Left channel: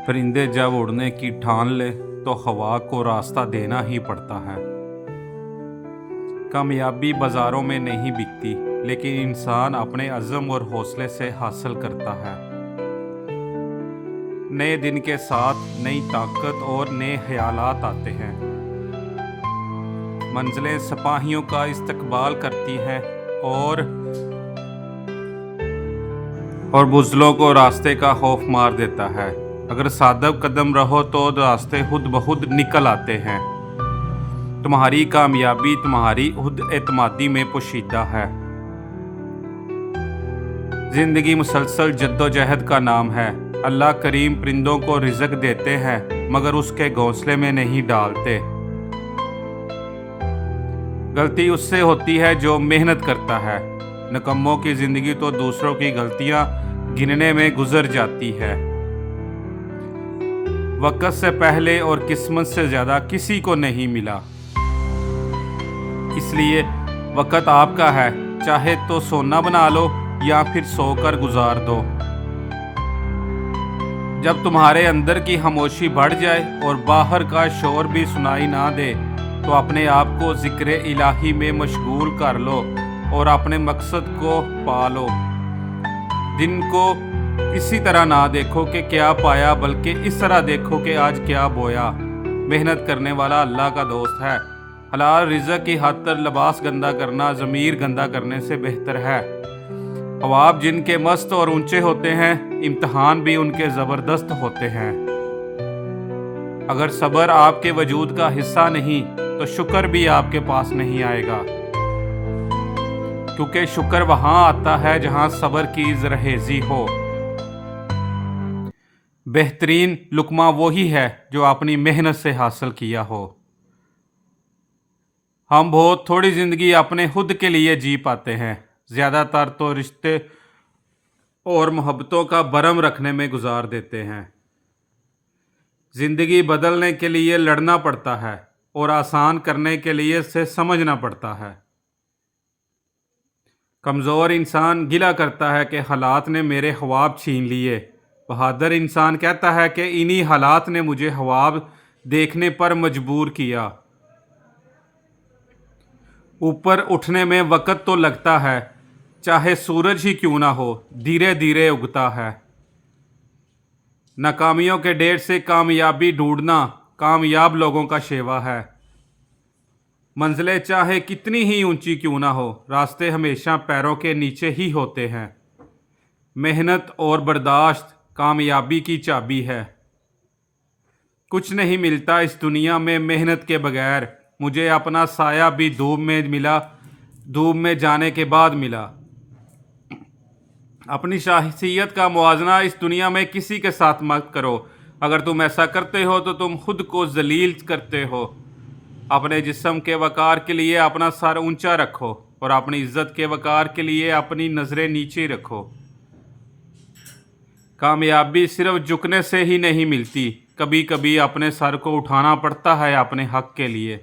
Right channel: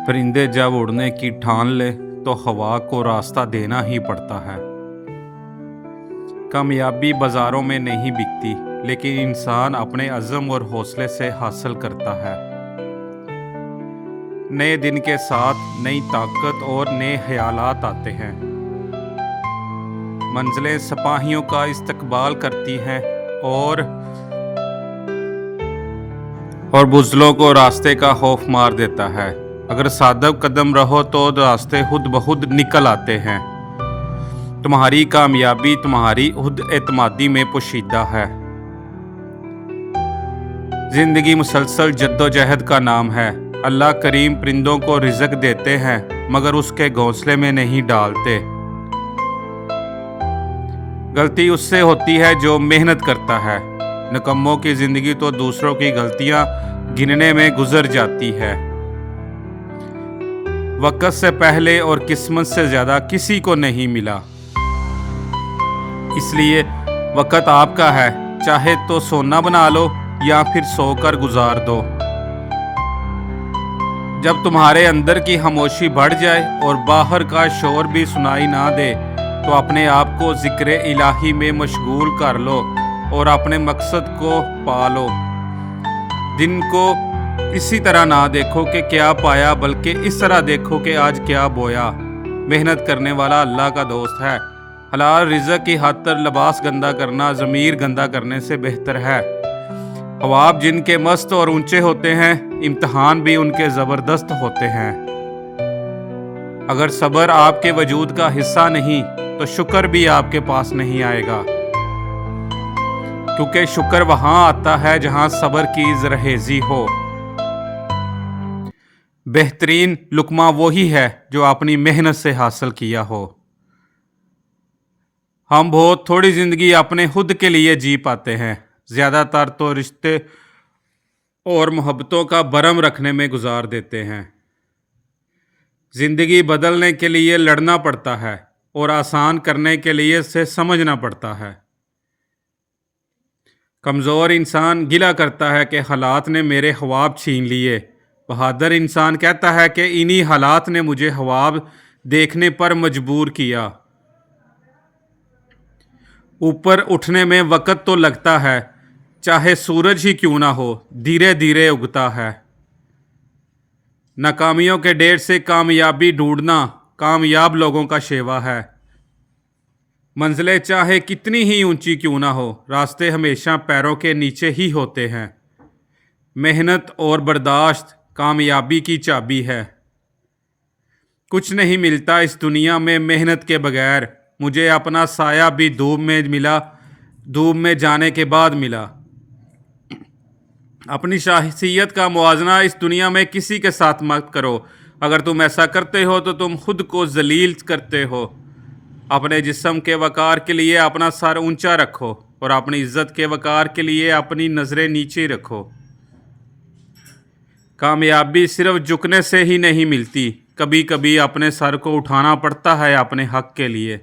परिंदे जब उड़ने की ठान ले तो हवा को रास्ता देना ही पड़ता है। कामयाबी बाजारों में नहीं बिकती, लेकिन इंसान अपने अज़्म और हौसले से हासिल करता है। नए दिन के साथ नई ताकत और नए ख्यालात आते हैं। मंजिलें सिपाहियों का इस्तकबाल करती हैं और बुज़दिलों को रास्ते का खौफ मार देता है। अगर सादब कदम रहो तो रास्ते खुद ब खुद निकल आते हैं। तुम्हारी कामयाबी तुम्हारी खुद एतमादी में पोशीदा है। जिंदगी मुसलसल जद्दोजहद का नाम है। अल्लाह करीम परिंदों को रिज़्क देते हैं, मगर उसके घोंसले में नहीं डालते। गलती उससे होती है जो मेहनत करता है। निकम्मों की जिंदगी तो दूसरों की गलतियां गिनने में गुजर जाती है। वक्त से पहले और किस्मत से ज़्यादा किसी को नहीं मिला, इसलिए वक्त आपका है। चाहे तो सोना बना लो या फिर सोकर गुजार दो। जब तुम्हारे अंदर की खामोशी बढ़ जाए और बाहर का शोर भी सुनाई ना दे, तो अपने आप को ज़िक्र इलाही में मशगूल कर लो और अपने मकसद को पा लो। दिन को इसी तरह ना देखो कि क्या पाया, बल्कि इस तरह देखो कि आज क्या बोया। मेहनत करने वाला अल्लाह का दोस्त है। हलाल रिज़्क की खातिर लिबास गंदा करना ज़मीर गंदा करने से बेहतर है। ख्वाब जिनके मस्त और ऊंचे होते हैं, इम्तिहान भी उनके ज़बरदस्त होते हैं। अगर सब्र आपके वजूद का हिस्सा नहीं, तो शुक्र भी आपके पास नहीं आएगा, क्योंकि शुक्र वहां आता है जहां सब्र की ज़रहेज़ी हो। बेहतरीन लुक्मा वही है जो अपनी मेहनत से हासिल किया हो। हम बहुत थोड़ी ज़िंदगी अपने खुद के लिए जी पाते हैं। ज़्यादातर तो रिश्ते और मोहब्बतों का भरम रखने में गुजार देते हैं। ज़िंदगी बदलने के लिए लड़ना पड़ता है और आसान करने के लिए से समझना पड़ता है। कमज़ोर इंसान गिला करता है कि हालात ने मेरे ख्वाब छीन लिए। बहादुर इंसान कहता है कि इन्हीं हालात ने मुझे ख्वाब देखने पर मजबूर किया। ऊपर उठने में वक़्त तो लगता है, चाहे सूरज ही क्यों ना हो, धीरे धीरे उगता है। नाकामियों के ढेर से कामयाबी ढूंढना कामयाब लोगों का शेवा है। मंजिलें चाहे कितनी ही ऊंची क्यों ना हो, रास्ते हमेशा पैरों के नीचे ही होते हैं। मेहनत और बर्दाश्त कामयाबी की चाबी है। कुछ नहीं मिलता इस दुनिया में मेहनत के बगैर। मुझे अपना साया भी धूप में मिला, धूप में जाने के बाद मिला। अपनी शख्सियत का मुआवजा इस दुनिया में किसी के साथ मत करो। अगर तुम ऐसा करते हो तो तुम खुद को जलील करते हो। अपने जिस्म के वक़ार के लिए अपना सर ऊंचा रखो और अपनी इज्जत के वक़ार के लिए अपनी नज़रें नीचे रखो। कामयाबी सिर्फ झुकने से ही नहीं मिलती, कभी कभी अपने सर को उठाना पड़ता है अपने हक के लिए।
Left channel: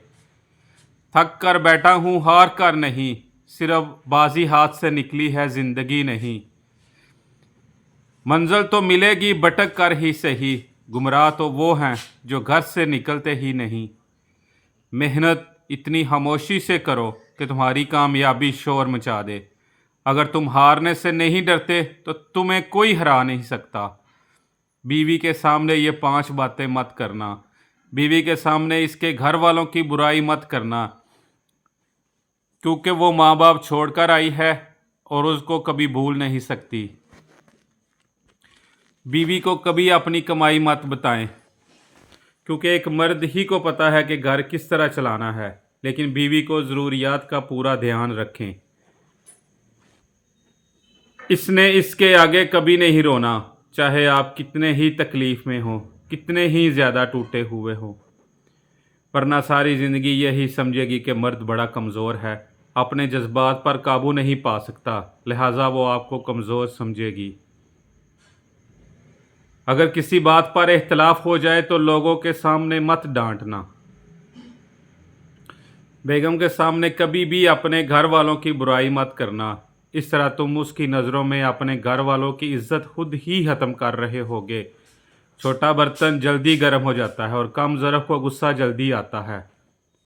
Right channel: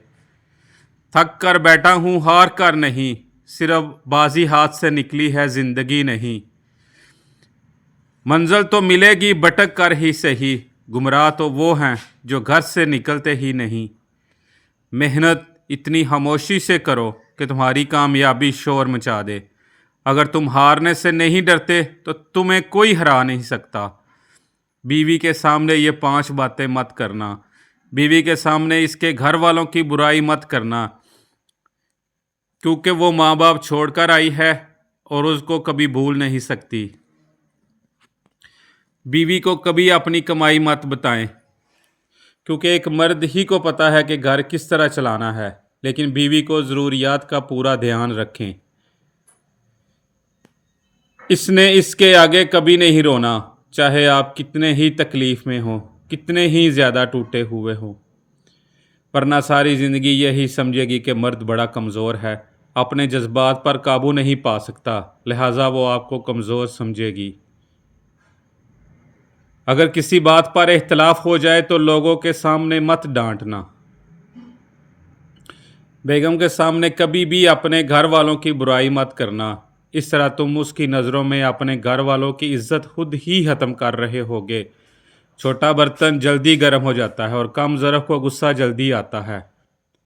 थक कर बैठा हूँ, हार कर नहीं, सिर्फ बाजी हाथ से निकली है ज़िंदगी नहीं। मंजिल तो मिलेगी भटक कर ही सही, गुमराह तो वो हैं जो घर से निकलते ही नहीं। मेहनत इतनी खामोशी से करो कि तुम्हारी कामयाबी शोर मचा दे। अगर तुम हारने से नहीं डरते तो तुम्हें कोई हरा नहीं सकता। बीवी के सामने ये 5 बातें मत करना। बीवी के सामने इसके घर वालों की बुराई मत करना, क्योंकि वो माँ बाप छोड़कर आई है और उसको कभी भूल नहीं सकती। बीवी को कभी अपनी कमाई मत बताएं, क्योंकि एक मर्द ही को पता है कि घर किस तरह चलाना है, लेकिन बीवी को ज़रूरियात का पूरा ध्यान रखें। इसने इसके आगे कभी नहीं रोना, चाहे आप कितने ही तकलीफ़ में हो, कितने ही ज़्यादा टूटे हुए हो। वरना सारी ज़िंदगी यही समझेगी कि मर्द बड़ा कमज़ोर है, अपने जज्बात पर काबू नहीं पा सकता, लिहाजा वो आपको कमज़ोर समझेगी। अगर किसी बात पर इख्तलाफ हो जाए तो लोगों के सामने मत डांटना। बेगम के सामने कभी भी अपने घर वालों की बुराई मत करना। इस तरह तुम उसकी नज़रों में अपने घर वालों की इज्जत खुद ही ख़त्म कर रहे होगे। چھوٹا برتن جلدی گرم ہو جاتا ہے اور کم ظرف کو غصہ جلدی آتا ہے۔